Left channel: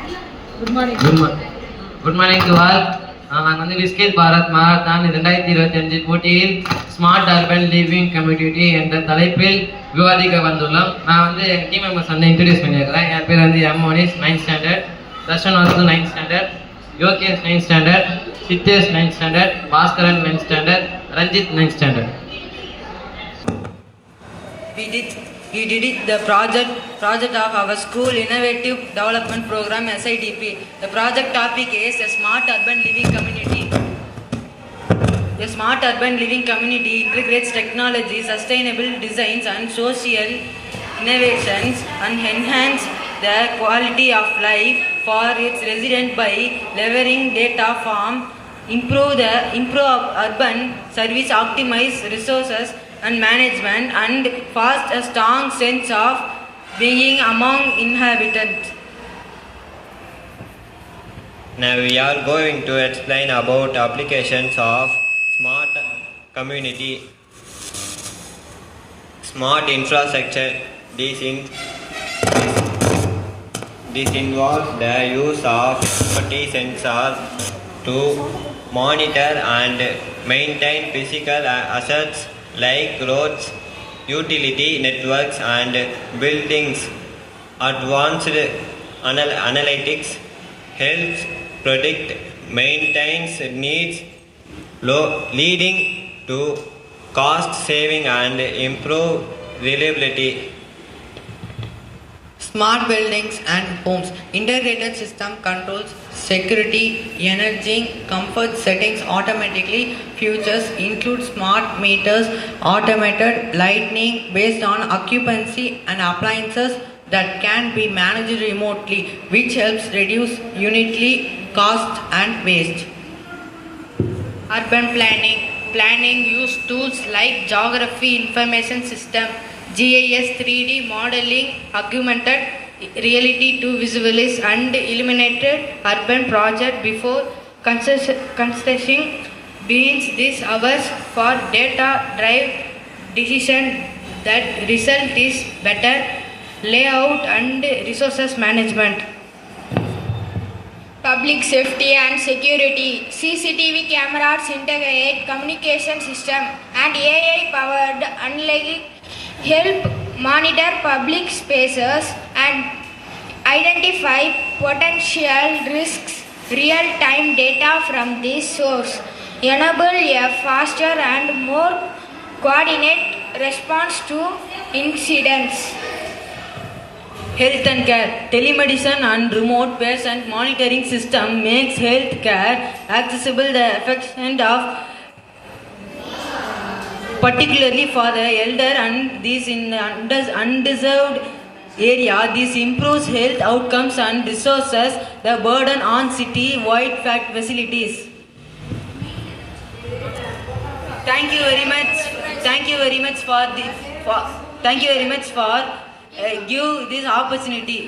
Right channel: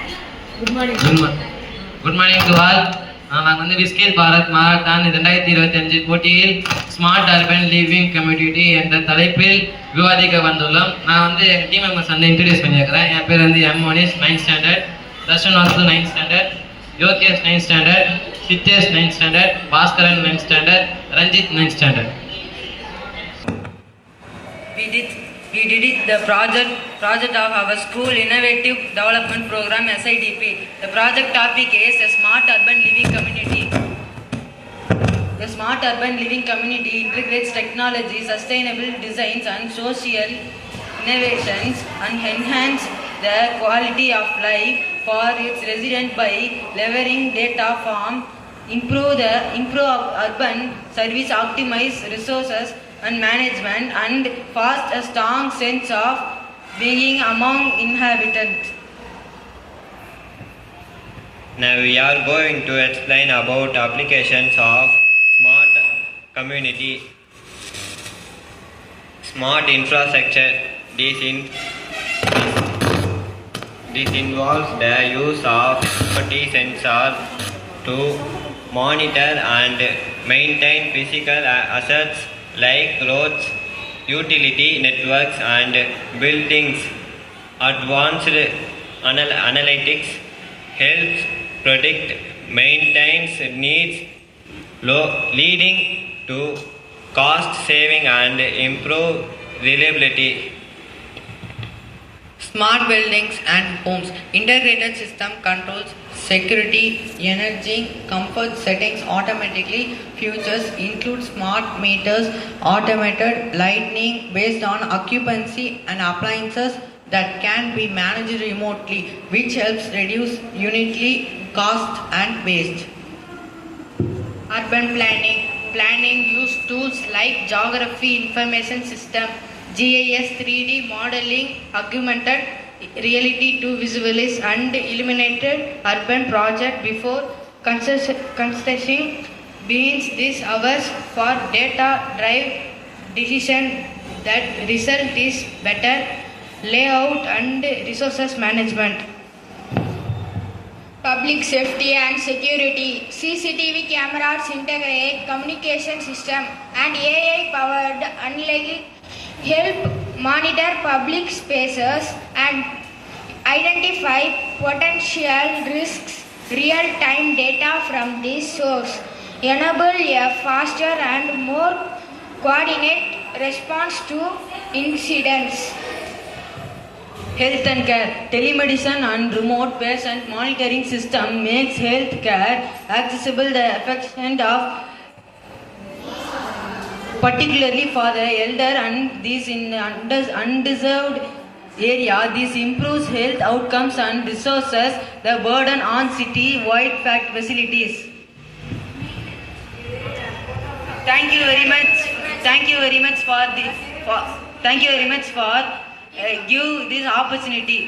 Good morning. Good morning to all. நாங்கள் வந்து விஸ்கேல் Bharat marathon 2025 போட்டியில் ஸ்மார்ட் அர்பன் லிவிங் கம்யூனிட்டி என்ற தலைப்பில் விவாதிக்க வந்துள்ளோம். நான் வந்து என் டீம் மெம்பர்ஸ் வந்து இன்ட்ரடியூஸ் பண்ணியிருக்கிறேன். என் பேர் வந்து M Monish 9th standard, Darshan Vasu 9th standard, Yogesh 9th standard, Siddhesh 9th standard, Bhaskaran 9th standard, Ranjith 9th standard. We did it the project of our school innovative development program SIDP. The project topic is a smart urban living community. The smart urban living community integrates technology, sustainable designs and social innovations and enhance the quality of life for its residents by leveraging data from improve urban service, optimize resources and management, and foster a strong sense of being among inhabitants. Now we are going to explain about applications of smart community, smart infrastructure. This involves the use of IoT sensors to monitor and maintain physical assets like roads, utility networks and buildings. Advanced analytics helps predict maintenance needs, leading to cost saving and improve reliability. Smart buildings and homes. Integrated system controls security, energy, comfort settings automatically. Features include smart meters, automated lighting based on occupancy, and appliances that can be managed remotely, which helps reduce unitary cost and waste. Urban planning use tools like geography information system, GIS, 3D modeling, augmented reality to visualize and eliminated urban project before construction begins. This allows for data drive decision that result is better layout and resources management. Public safety and security. CCTV cameras integrate communication system and AI powered analytics help monitor public spaces and identify potential risks. Real-time data from this source enable a faster and more coordinated response to incidents. Health and care. Telemedicine and remote patient monitoring system makes health care accessible the affection of particularly for the elder and these in undeserved area. This improves health outcomes and resources the burden on city-wide facilities. Thank you very much for give this opportunity.